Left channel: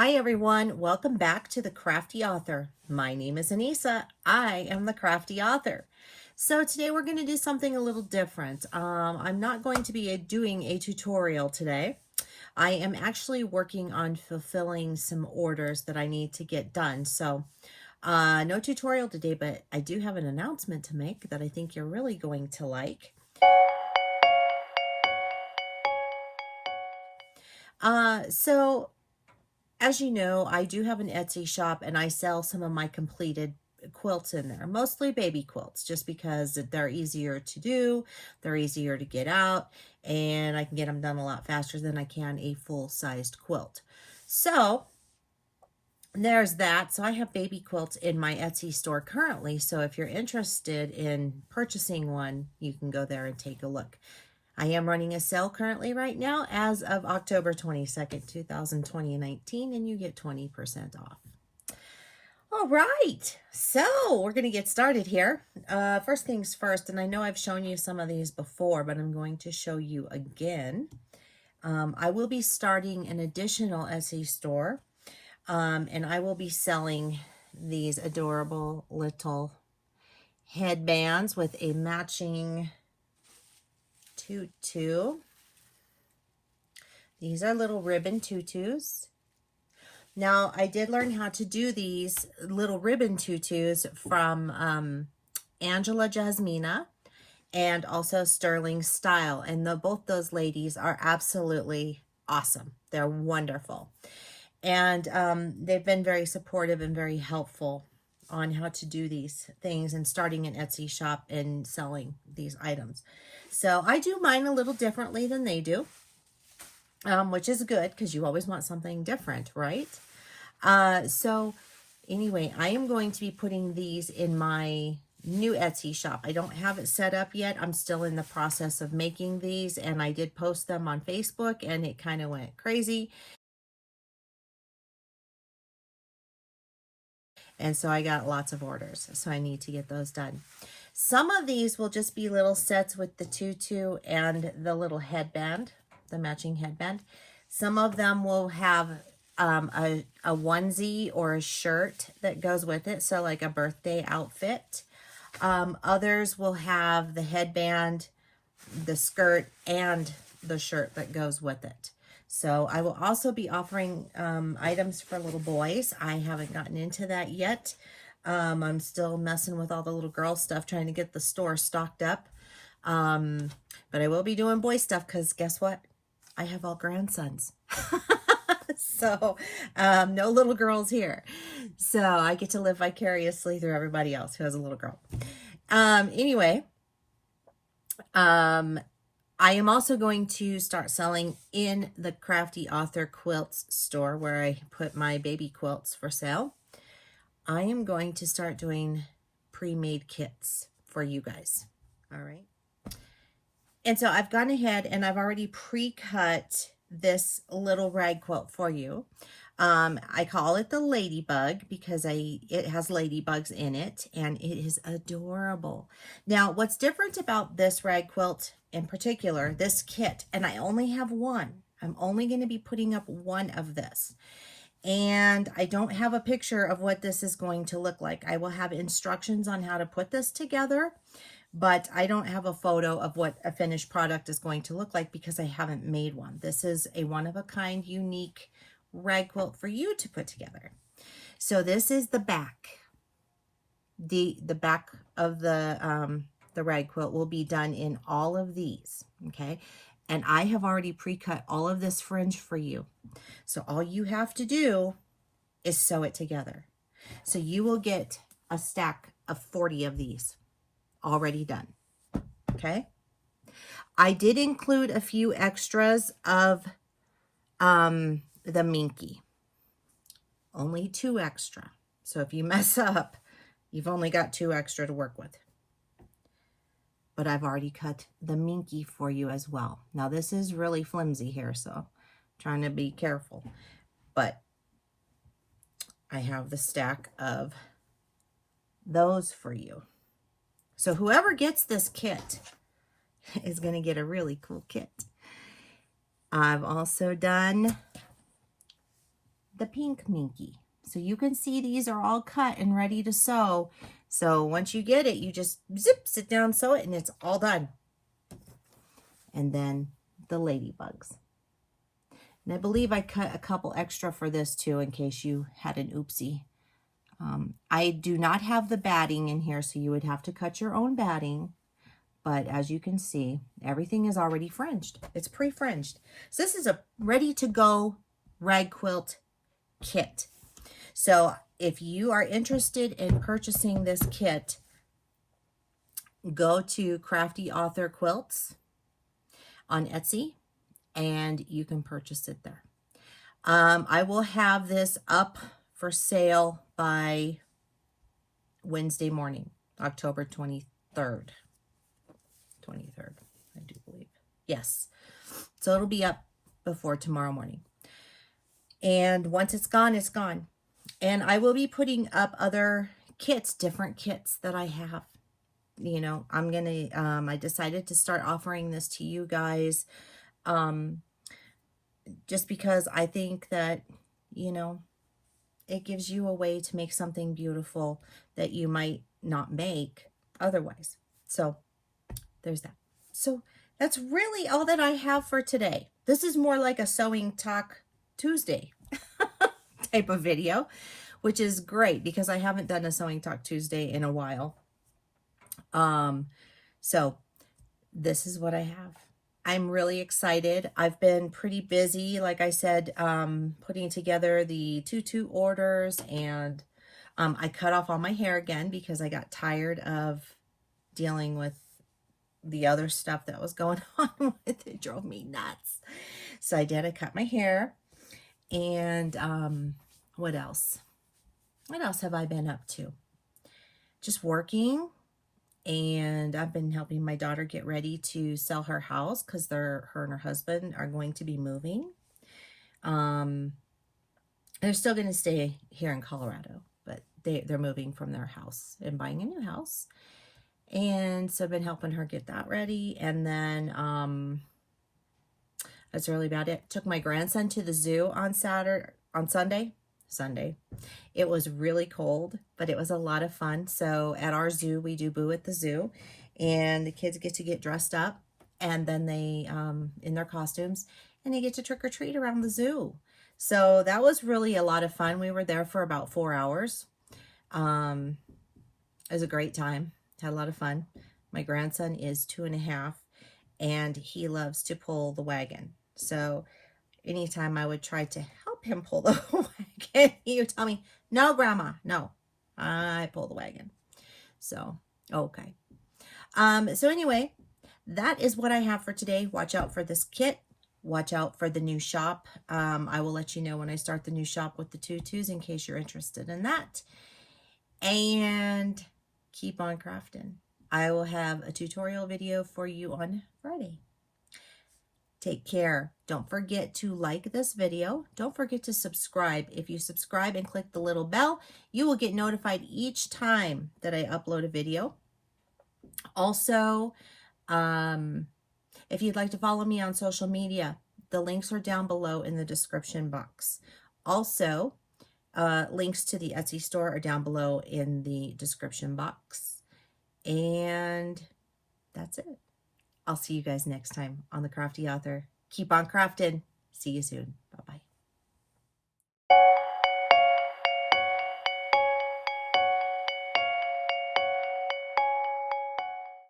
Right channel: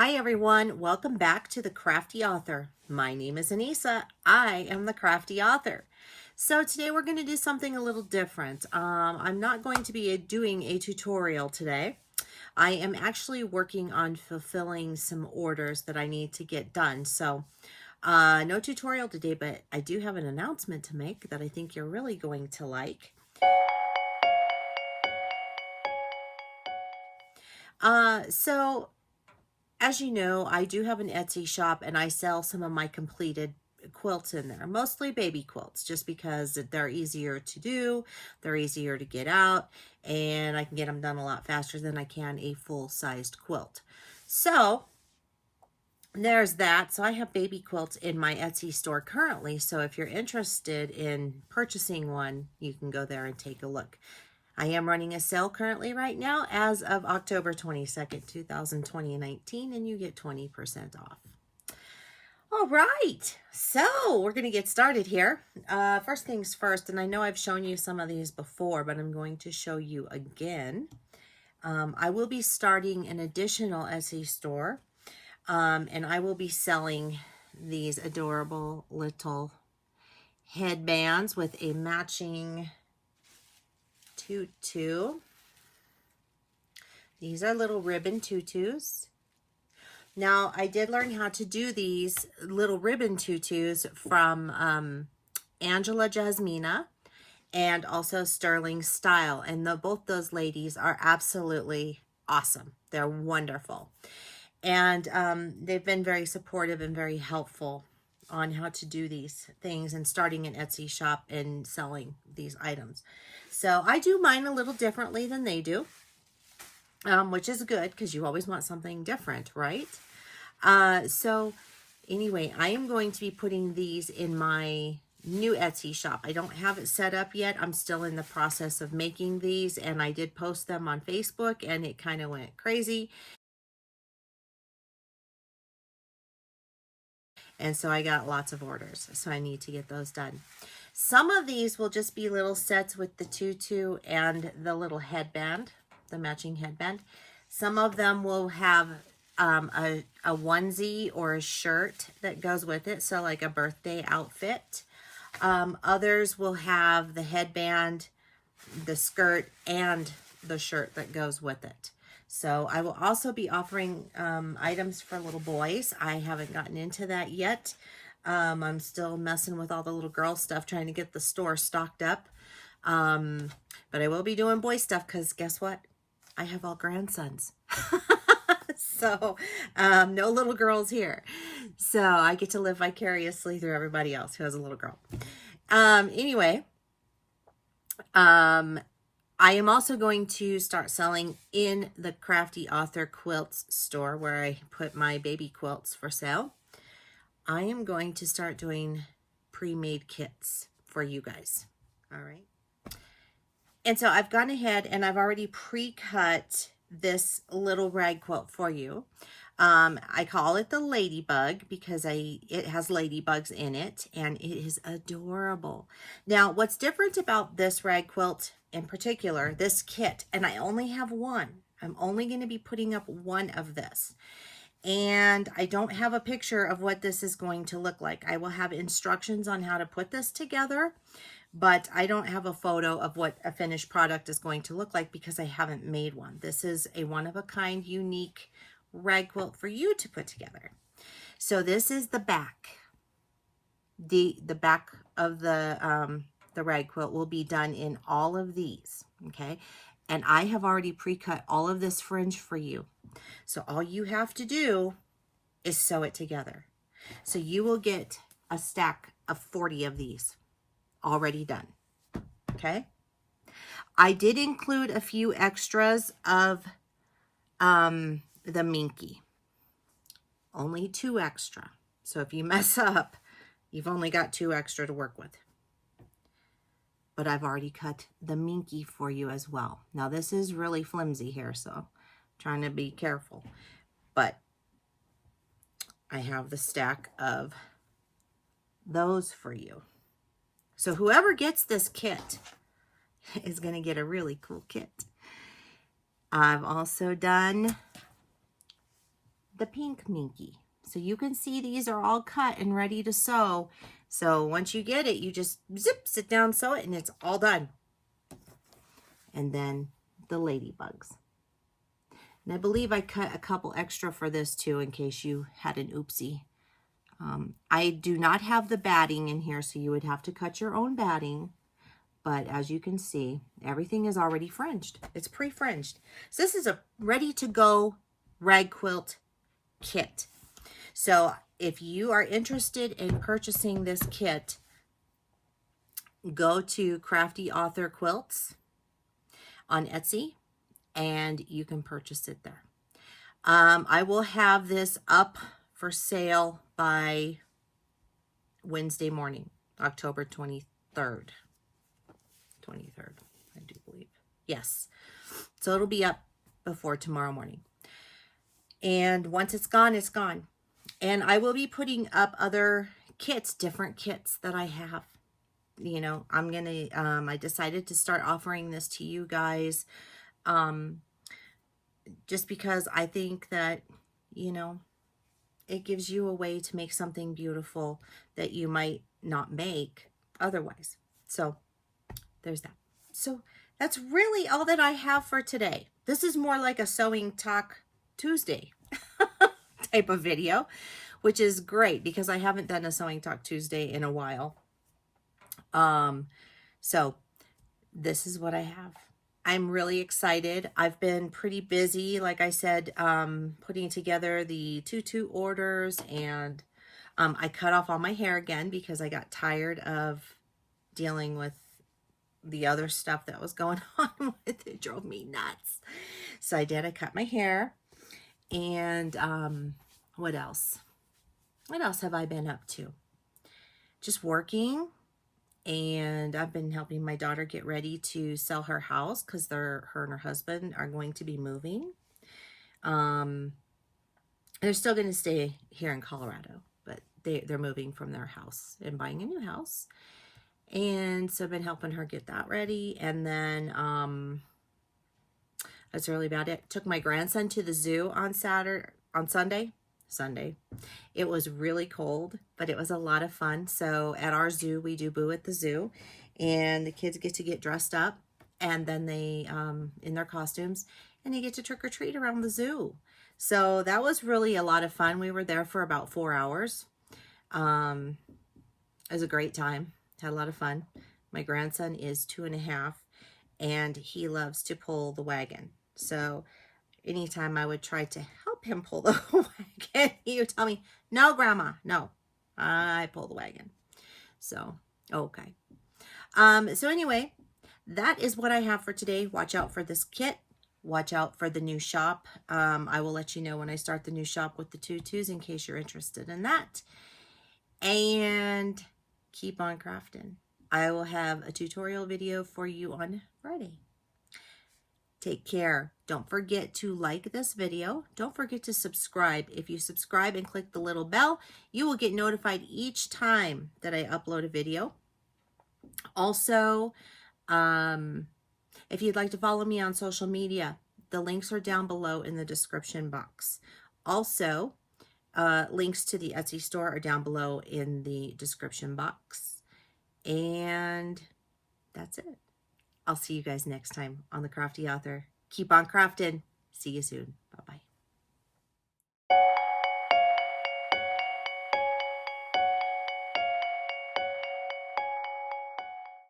Hi everyone, welcome back to the Crafty Author. My name is Anissa. I am the Crafty Author. So today we're going to do something a little different. I'm not going to be doing a tutorial today. I am actually working on fulfilling some orders that I need to get done. So no tutorial today, but I do have an announcement to make that I think you're really going to like. As you know, I do have an Etsy shop and I sell some of my completed quilts in there, mostly baby quilts, just because they're easier to do, they're easier to get out, and I can get them done a lot faster than I can a full-sized quilt. So there's that. So I have baby quilts in my Etsy store currently. So if you're interested in purchasing one, you can go there and take a look. I am running a sale currently right now as of October 22nd, 2019, and you get 20% off. All right, so we're going to get started here. First things first, and I know I've shown you some of these before, but I'm going to show you again. I will be starting an additional Etsy store, and I will be selling these adorable little headbands with a matching tutu. These are little ribbon tutus. Now, I did learn how to do these little ribbon tutus from Angela Jasmina and also Sterling Style. And both those ladies are absolutely awesome. They're wonderful. And they've been very supportive and very helpful on how to do these things and starting an Etsy shop and selling these items. So I do mine a little differently than they do, which is good because you always want something different, right? So anyway, I am going to be putting these in my new Etsy shop. I don't have it set up yet. I'm still in the process of making these, and I did post them on Facebook and it kind of went crazy. And so I got lots of orders, so I need to get those done. Some of these will just be little sets with the tutu and the little headband, the matching headband. Some of them will have a onesie or a shirt that goes with it, so like a birthday outfit. Others will have the headband, the skirt, and the shirt that goes with it. So I will also be offering items for little boys. I haven't gotten into that yet. I'm still messing with all the little girl stuff, trying to get the store stocked up. But I will be doing boy stuff because guess what? I have all grandsons. So no little girls here. So I get to live vicariously through everybody else who has a little girl. Anyway, I am also going to start selling in the Crafty Author Quilts store where I put my baby quilts for sale. I am going to start doing pre-made kits for you guys. All right. And so I've gone ahead and I've already pre-cut this little rag quilt for you. I call it the Ladybug because it has ladybugs in it and it is adorable. Now, what's different about this rag quilt in particular, this kit, and I only have one. I'm only going to be putting up one of this. And I don't have a picture of what this is going to look like. I will have instructions on how to put this together, but I don't have a photo of what a finished product is going to look like because I haven't made one. This is a one-of-a-kind, unique rag quilt for you to put together. So this is the back. The back of the rag quilt will be done in all of these, okay? And I have already pre-cut all of this fringe for you. So all you have to do is sew it together. So you will get a stack of 40 of these already done, okay? I did include a few extras of the minky. Only 2 extra. So if you mess up, you've only got 2 extra to work with. But I've already cut the minky for you as well. Now this is really flimsy here, so I'm trying to be careful. But I have the stack of those for you. So whoever gets this kit is going to get a really cool kit. I've also done the pink minky. So you can see these are all cut and ready to sew. So once you get it, you just zip, sit down, sew it, and it's all done. And then the ladybugs. And I believe I cut a couple extra for this too, in case you had an oopsie. I do not have the batting in here, so you would have to cut your own batting. But as you can see, everything is already fringed. It's pre-fringed. So this is a ready-to-go rag quilt kit. So if you are interested in purchasing this kit, go to Crafty Author Quilts on Etsy, and you can purchase it there. I will have this up for sale by Wednesday morning, October 23rd. 23rd, I do believe. Yes. So it'll be up before tomorrow morning. And once it's gone, it's gone. And I will be putting up other kits, different kits that I have. You know, I'm going to, I decided to start offering this to you guys. Just because I think that, you know, it gives you a way to make something beautiful that you might not make otherwise. So there's that. So that's really all that I have for today. This is more like a Sewing Talk Tuesday type of video, which is great because I haven't done a Sewing Talk Tuesday in a while. So this is what I have. I'm really excited. I've been pretty busy, like I said, putting together the tutu orders, and I cut off all my hair again because I got tired of dealing with the other stuff that was going on with it. It drove me nuts. So I did. I cut my hair. And what else? What else have I been up to? Just working. And I've been helping my daughter get ready to sell her house because her and her husband are going to be moving. They're still going to stay here in Colorado, but they're moving from their house and buying a new house. And so I've been helping her get that ready. And then that's really about it. Took my grandson to the zoo on Sunday. It was really cold, but it was a lot of fun. So at our zoo, we do Boo at the Zoo, and the kids get to get dressed up, and then they, in their costumes, and they get to trick or treat around the zoo. So that was really a lot of fun. We were there for about 4 hours. It was a great time. Had a lot of fun. My grandson is 2.5, and he loves to pull the wagon. So anytime I would try to help him pull the wagon, he would tell me, "No, Grandma, no, I pull the wagon." So, okay. So anyway, that is what I have for today. Watch out for this kit. Watch out for the new shop. I will let you know when I start the new shop with the Tutu'S in case you're interested in that. And keep on crafting. I will have a tutorial video for you on Friday. Take care. Don't forget to like this video. Don't forget to subscribe. If you subscribe and click the little bell, you will get notified each time that I upload a video. Also, if you'd like to follow me on social media, the links are down below in the description box. Also, links to the Etsy store are down below in the description box. And that's it. I'll see you guys next time on The Crafty Author. Keep on crafting. See you soon.